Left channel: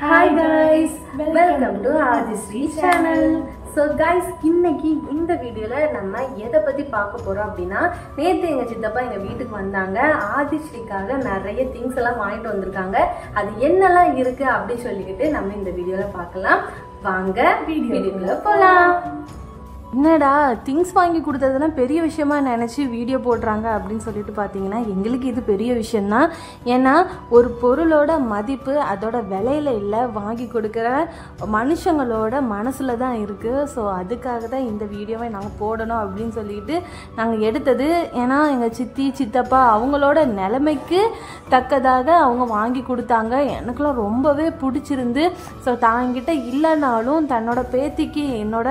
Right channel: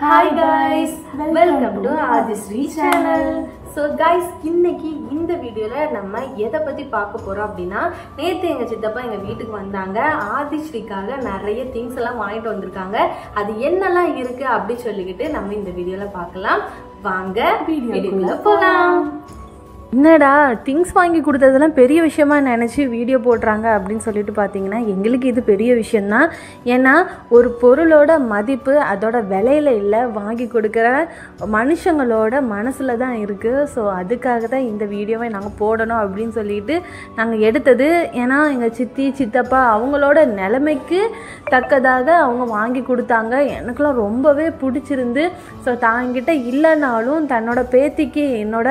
Hi guys, welcome to Adisri channel. So guys, இன்னைக்கு இந்த வீடியோல நம்ம எதை பத்தி பார்க்க போறோம் அப்படின்னா, நேத்து எங்க சித்தப்பா எங்க வீட்டுக்கு வந்தாங்க. ஆதிஸ்ரீக்காக நிறைய திங்ஸ் எல்லாம் வாங்கிட்டு வந்திருக்காங்க. அது என்னெல்லாம் இருக்கு அப்படி சொல்லிக்கிட்டு நம்ம இந்த வீடியோல பார்க்கலாம். வாங்க வீடியோக்குள்ள போலாம். என்னடா திங்ஸ் வாங்கி கொடுத்ததெல்லாம் பெரிய விஷயமா நினச்சி வீடியோ போடுறாங்க அப்படின்னு சொல்லிட்டு பார்த்தீங்கன்னா, எங்களுக்கு இது பெரிய விஷயந்தான். ஏன்னா ஒரு பொருளோட மதிப்பு அதோட விலையில இல்லை, வாங்கி கொடுக்குற மனுஷங்களோட மனசில் தான் இருக்குது. ஸோ அதுக்காக தான் இந்த வீடியோவை நாங்கள் போடணும் அப்படின்னு சொல்லிட்டு நாங்கள் எடுத்தது. ஏன்னா எங்கள் சித்தி சித்தப்பா அவங்களோட நிலைமைக்கு தக்கதாக அவங்க வாங்கி கொடுத்தாங்க. எனக்குலாம் ரொம்பவே பிடிச்சிருந்து. ஸோ தாங்கிட்ட இல்லைனாலும் தன்னோட பேத்திக்கு என்னோட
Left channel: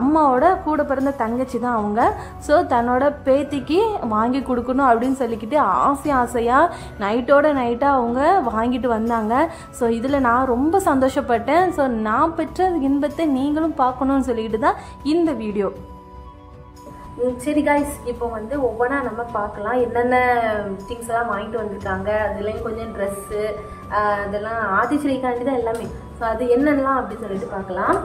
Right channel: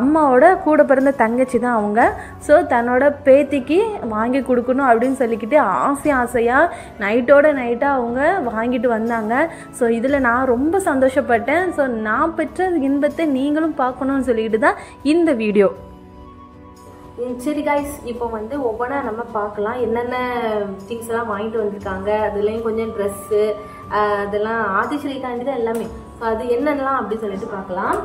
அம்மாவோட கூட பிறந்த தங்கச்சி தான் அவங்க. ஸோ தன்னோட பேத்திக்கு வாங்கி கொடுக்கணும் அப்படின்னு சொல்லிக்கிட்டு ஆசையாக நைட்டோட நைட்டாக அவங்க வாங்கிட்டு வந்தாங்க. ஸோ இதில் நான் ரொம்ப சந்தோஷப்பட்டேன். ஸோ நான் பெற்ற இன்பத்தை நீங்களும் பார்க்கணும்னு சொல்லிக்கிட்டு தான் இந்த வீடியோ. சரி காய்ஸ், இப்போ வந்து ஒவ்வொன்றா நம்ம பார்க்கலாம். என்னென்ன திங்ஸ் எல்லாம் வாங்கிட்டு வந்திருக்காங்க, அதுலேயும் கொஞ்சம் ட்ரெஸ்ஸு அதெல்லாம் ஆதிஸ்ரீக்காண்டி தான் எல்லாமே. ஸோ அது என்னென்னலாம் அப்படின்னு சொல்லிட்டு பார்க்கலாம்.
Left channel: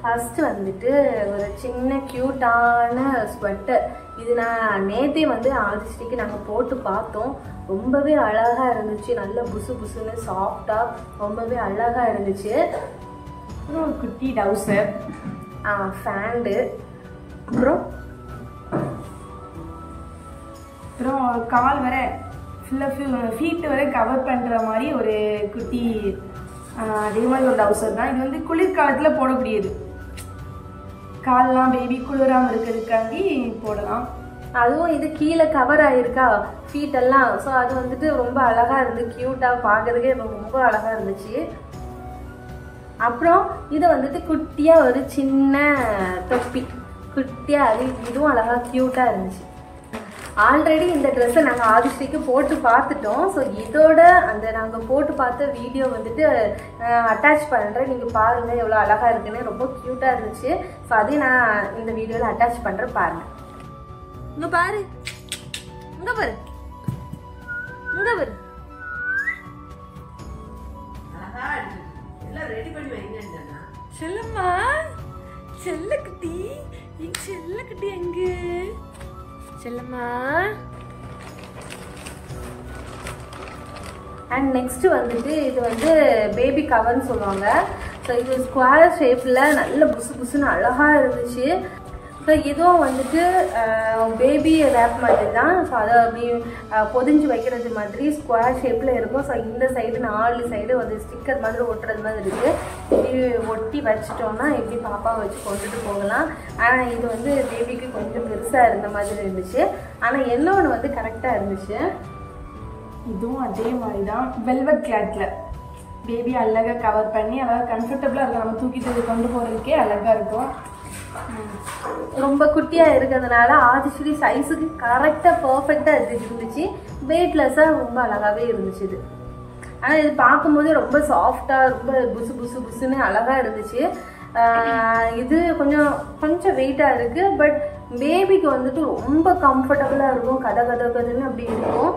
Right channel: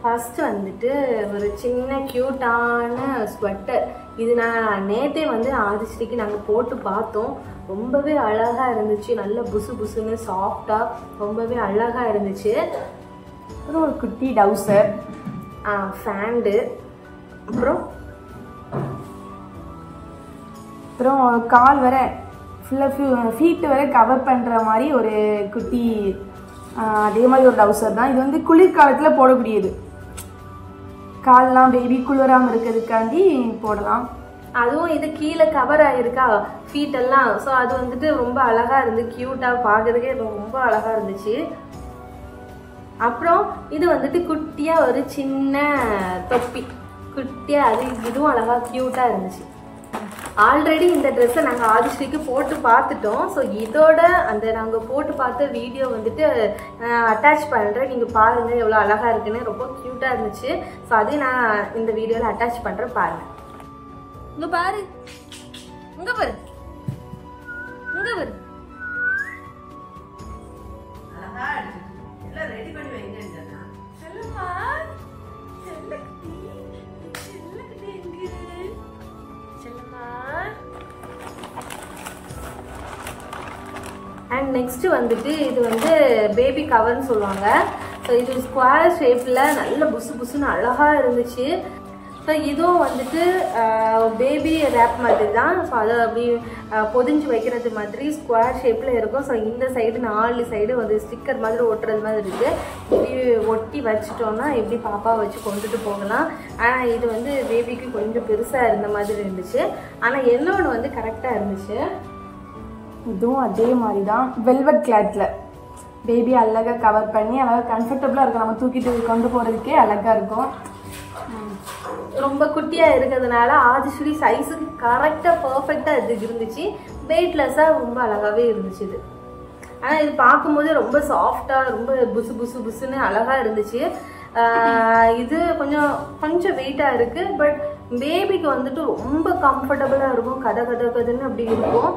ஃபர்ஸ்ட் வந்துட்டு ஒரு சின்ன க்யூட்டான ஸ்வெட்டர். இது நான் நேற்றே வந்து ஆதிஸ்ரீக்கு நாங்கள் போட்டு பார்த்தோம். ரொம்பவே அழகாக இருந்துச்சு. நல்ல புசு புசுன்னு சாஃப்டாக ரொம்பவே அழகாக இருந்துச்சு. ஒரு குட்டி டவுசர், ஃபேண்டு, அப்புறம் கால் வர ஃபுல்லாக ஃபீட்டு வரை கவர் பண்ணுற மாதிரி ஒரு குட்டி அதே மாதிரி ஒரு டவுசர் தான். இது வந்து குளிர்காலத்தில் போடக்கூடியது. கால்லாம் பேபி குளிராமல் இருக்கிறதுக்காண்டி போடலாம். அதுவும் இது கீழே கவர் ஆகிருக்கா ஃபீட் எல்லாம். ஸோ அது வந்துட்டு ரொம்ப அழகாக இருந்து க்யூட்டாக பார்க்கறதுக்கே ரொம்ப அழகாக இருந்துச்சு. அப்புறம் இது வந்துட்டு குட்டியாக ஒரு சின்ன தொப்பி, குட்டியாக அது இதுவும் அழகாக க்யூட்டாக இருந்துச்சு. ஆல்ரெடி இந்த ட்ரெஸ்ஸை நாங்கள் ஆதிஸ்ரீக்கு போட்டு பார்த்துட்டோம். ஸோ இதோட அந்த நாங்கள் போட்டு பார்த்த வீடியோ வந்துட்டு அட்டாச் பண்ணுறேன். நீங்கள் பாருங்கள் எவ்வளோ அழகாக இருக்குன்னு. ரொம்ப க்யூட்டாக இருந்துச்சு. ஸோ அதையும் நான் இந்த வீடியோவில் அட்டாச் பண்ணுறேன், பாருங்கள். இங்கே பாரு, இங்கே பாரு, இங்கே பாரு. செல்லம்மா, செல்லக்குட்டி, செல்லக்குட்டி எங்கே? அண்ட் நெக்ஸ்ட் வந்துட்டு இது வந்து பேபி கவர்னு சொல்லுவாங்க. ஸோ இது ஸ்கொயர் ஷேப்பில் நல்ல புசு புசுன்னு அழகாக இருந்துச்சு. ஸோ இதுவும் வந்துட்டு பேபி ரேப் மாதிரி தான். ஸோ அதை அப்படி பொதிஞ்சு வைக்கிறது மாதிரி ஸ்கொயர் ஷேப்பில் இருக்கும். ஸோ இந்த சைடு 4 சைடு வந்து ஸ்டிக்கர் மாதிரி ஒட்டுறது மாதிரி இருக்குது. இப்படி ஒட்டி வச்சிட்டோம்னா எப்படி பாப்பா வச்சு கொண்டுட்டு போகலாம். ஆனால் இது வந்து பேபிக்கு கொஞ்சம் பெருசாக இருந்த மாதிரி இருந்துச்சு. ஆனால் என்னொன்று வந்து கரெக்டாக இருந்துச்சு. இதுவும் அதே மாதிரி தான் வெல்வெட் கிளாத்தில் பேபி அழகாக கவர் பண்ணி அழகாக கம்ஃபர்டபுளாக இருக்கும். நம்ம தூக்கிட்டு கொண்டு போகிறதுக்கே அழகாக இருக்கும். ரொம்ப குட்டியாக இருக்கிறதுனால ஆதிஸ்ரீ சைஸுக்கு கரெக்டாக பர்ஃபெக்டாக இது இருந்துச்சு. வெயிட்லெஸ்ஸாக ரொம்ப அழகாகவே இருந்துச்சு இது. ஆனால் இது பார்க்கும்போது ரொம்ப சாஃப்டாக ரொம்ப புசு புசு புசுன்னு அழகாக இருந்துச்சு. இது கொஞ்சம் வெயிட்டாக இருக்குது. பட் பேபிக்கு வந்துட்டு ரொம்ப கம்ஃபர்டபுளாக இருக்கும். கதன்னு அப்படி இருக்கும்.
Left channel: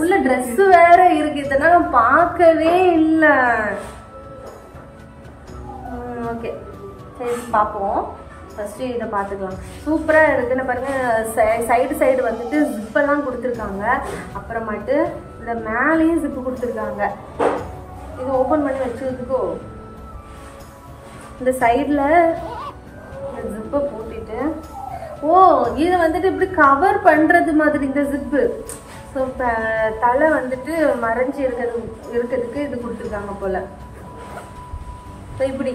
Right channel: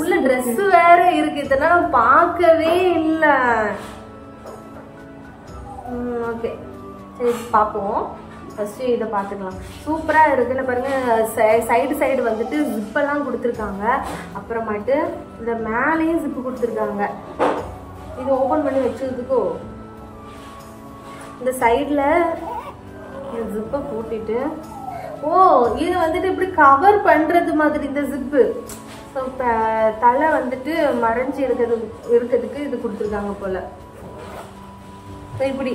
உள்ள ட்ரெஸ் வேற இருக்கு. இதெல்லாம் பார்க்கவே இல்லை. ஓகே, சரி பார்ப்போம். ஃபர்ஸ்ட் இதை பார்த்துக்கலாம். சூப்பராக இருக்குன்னு பாருங்க. சைடு வந்துட்டு ஜிப்பெல்லாம் கொடுத்துருக்காங்க. அப்புறமாட்டு இந்த மேலேயும் ஜிப்பு கொடுத்துருக்காங்க. இது ஓப்பன் பண்ணி வச்சதுக்கோ இந்த சைடில் ஜிப்பை போட்டுட்டு, ஓ இது வந்துட்டு இப்படி கவர் பண்ணுறது மாதிரி இந்த ஜிப்பு. ஸோ தலை வந்துட்டு மறைஞ்சி இருக்கிறதுக்கு இது கொடுத்துருக்காங்க போல். ஸோ இப்படி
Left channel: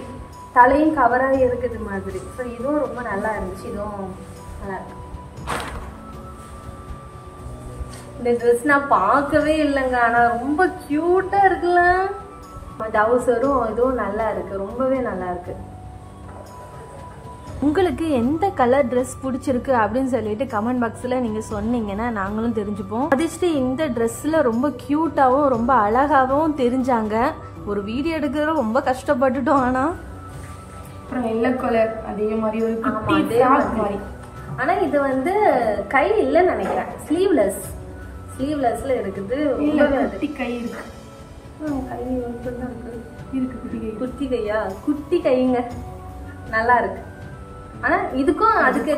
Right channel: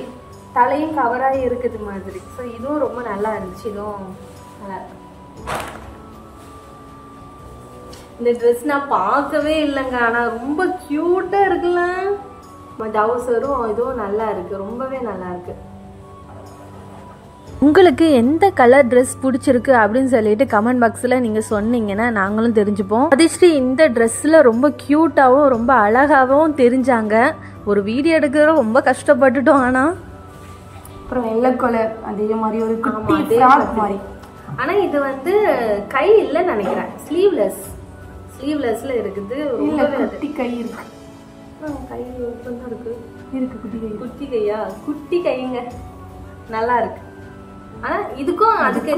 தலையும் கவராக இருக்குது மாதிரி. ஸோ இதுவும் ரொம்ப நல்லா இருந்துச்சு. இதுவும் நல்லா இருக்கு. இந்த ட்ரெஸ் நான் பார்க்கவே இல்லைங்க. ஆனால் ரொம்ப க்யூட்டாக இருக்குல்ல. டவுசரும் இதுவும் நல்லா இருக்குது, ரொம்பவே நல்லா இருக்குது. உங்களுக்கு எந்த கலர் ட்ரெஸ் பிடிச்சிருக்கு அப்படின்னு சொல்லிட்டு கமெண்ட் பாக்ஸில் நீங்கள் சொன்னீங்கன்னா நாங்களும் தெரிஞ்சுப்போம். ஆதிஸ்ரீ இந்த ட்ரெஸ்ஸில் ரொம்ப க்யூட்டாகவும் ரொம்ப அழகாகவும் தெரிஞ்சாங்க. ஒரு வீடியோ எடுக்கிற ரொம்ப கஷ்டப்பட்டுட்டோம். ஆனால் அப்புறம் வெள்ளை கலர் அதே மாதிரி ஒரு குட்டி ஃப்ராக் மாதிரி ஆனா இது வந்து கை இல்லைன்னு நினைக்கிறேன், ஸ்லீவ்லெஸ்ல இருக்குது. ரொம்ப குட்டி கை இருக்கு. கை மட்டும்தான் இருக்கு. குட்டி கை. குட்டி கையா? குட்டி கைங்க, நல்லா இருக்கு. ஆனா இதுக்கும் அதுக்கே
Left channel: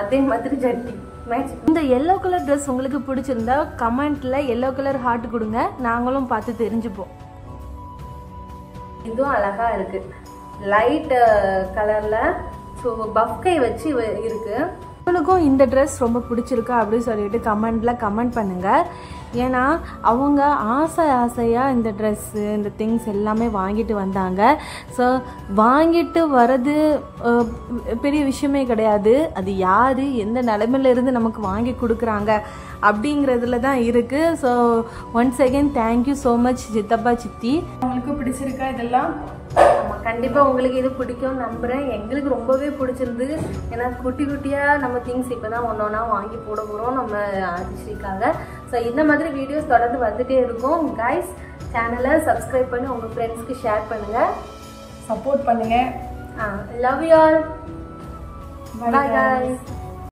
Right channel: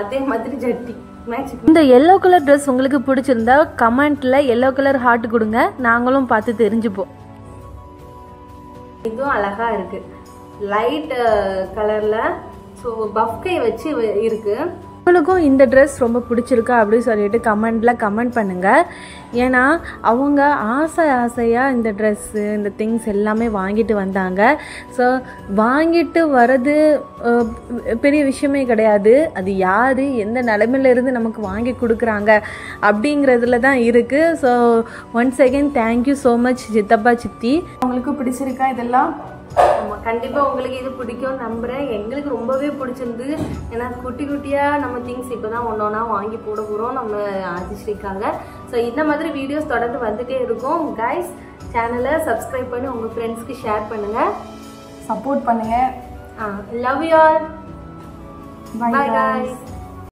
அதே மாதிரி ஜட்டி மேட்ச். இந்த எல்லோ கலர் ட்ரெஸ் உங்களுக்கு பிடிச்சிருந்தா கமெண்ட்ல எல்லோ கலர் ஹார்ட் கொடுங்க, நாங்களும் பார்த்து தெரிஞ்சுப்போம். இதுவும் அழகா இருக்கு, லைட் கலர்ல. ஸோ பஃப்கை வச்சு இருக்கு. உங்களுக்கும் இந்த ட்ரெஸ் ரொம்ப பிடிச்சிருக்கா அப்படின்னு சொல்லிட்டு கமெண்ட்ல கமெண்ட் பண்ணுங்க. ஏன்னா அவங்க ஆசையாக இந்த ட்ரெஸ்ஸு இந்த திங்ஸ் எல்லாமே வாங்கிட்டு வந்தாங்க. ஸோ வாங்கிட்டு வர்றது பெரிய விஷயமே கிடையாது, அது யார் எந்த நிலைமையில இருந்து நமக்கு வாங்கி கொடுக்குறாங்க அப்படிங்கிறதுல தான் இருக்குது. So once again thank you so much சித்தப்பா சித்தி. உங்களுக்கு பிடிச்சிருக்கா இதெல்லாம்? ஆமாம், கண்டிப்பாக உங்களுக்கு இது பிடிக்கும் நம்புகிறேன். எங்களுக்கு ரொம்பவே பிடிச்சிருந்து. ஏன்னா குட்டி குட்டியாக நம்ம திங்ஸ் இப்போ தான் ஒன்றா வாங்கி போட போகிறோம் நம்ம ஆதிஸ்ரீக்காக. ஸோ இந்த மாதிரி வீடியோஸ் தொடர்ந்து வந்துகிட்டே இருக்கும். கைஸ், சேனலை சப்ஸ்கிரைப் பண்ணி உங்கள் ஃப்ரெண்ட்ஸ்க்கு ஷேர் பண்ணுங்கள், சப்போர்ட் பண்ணுங்கள். Love you all. Bye guys.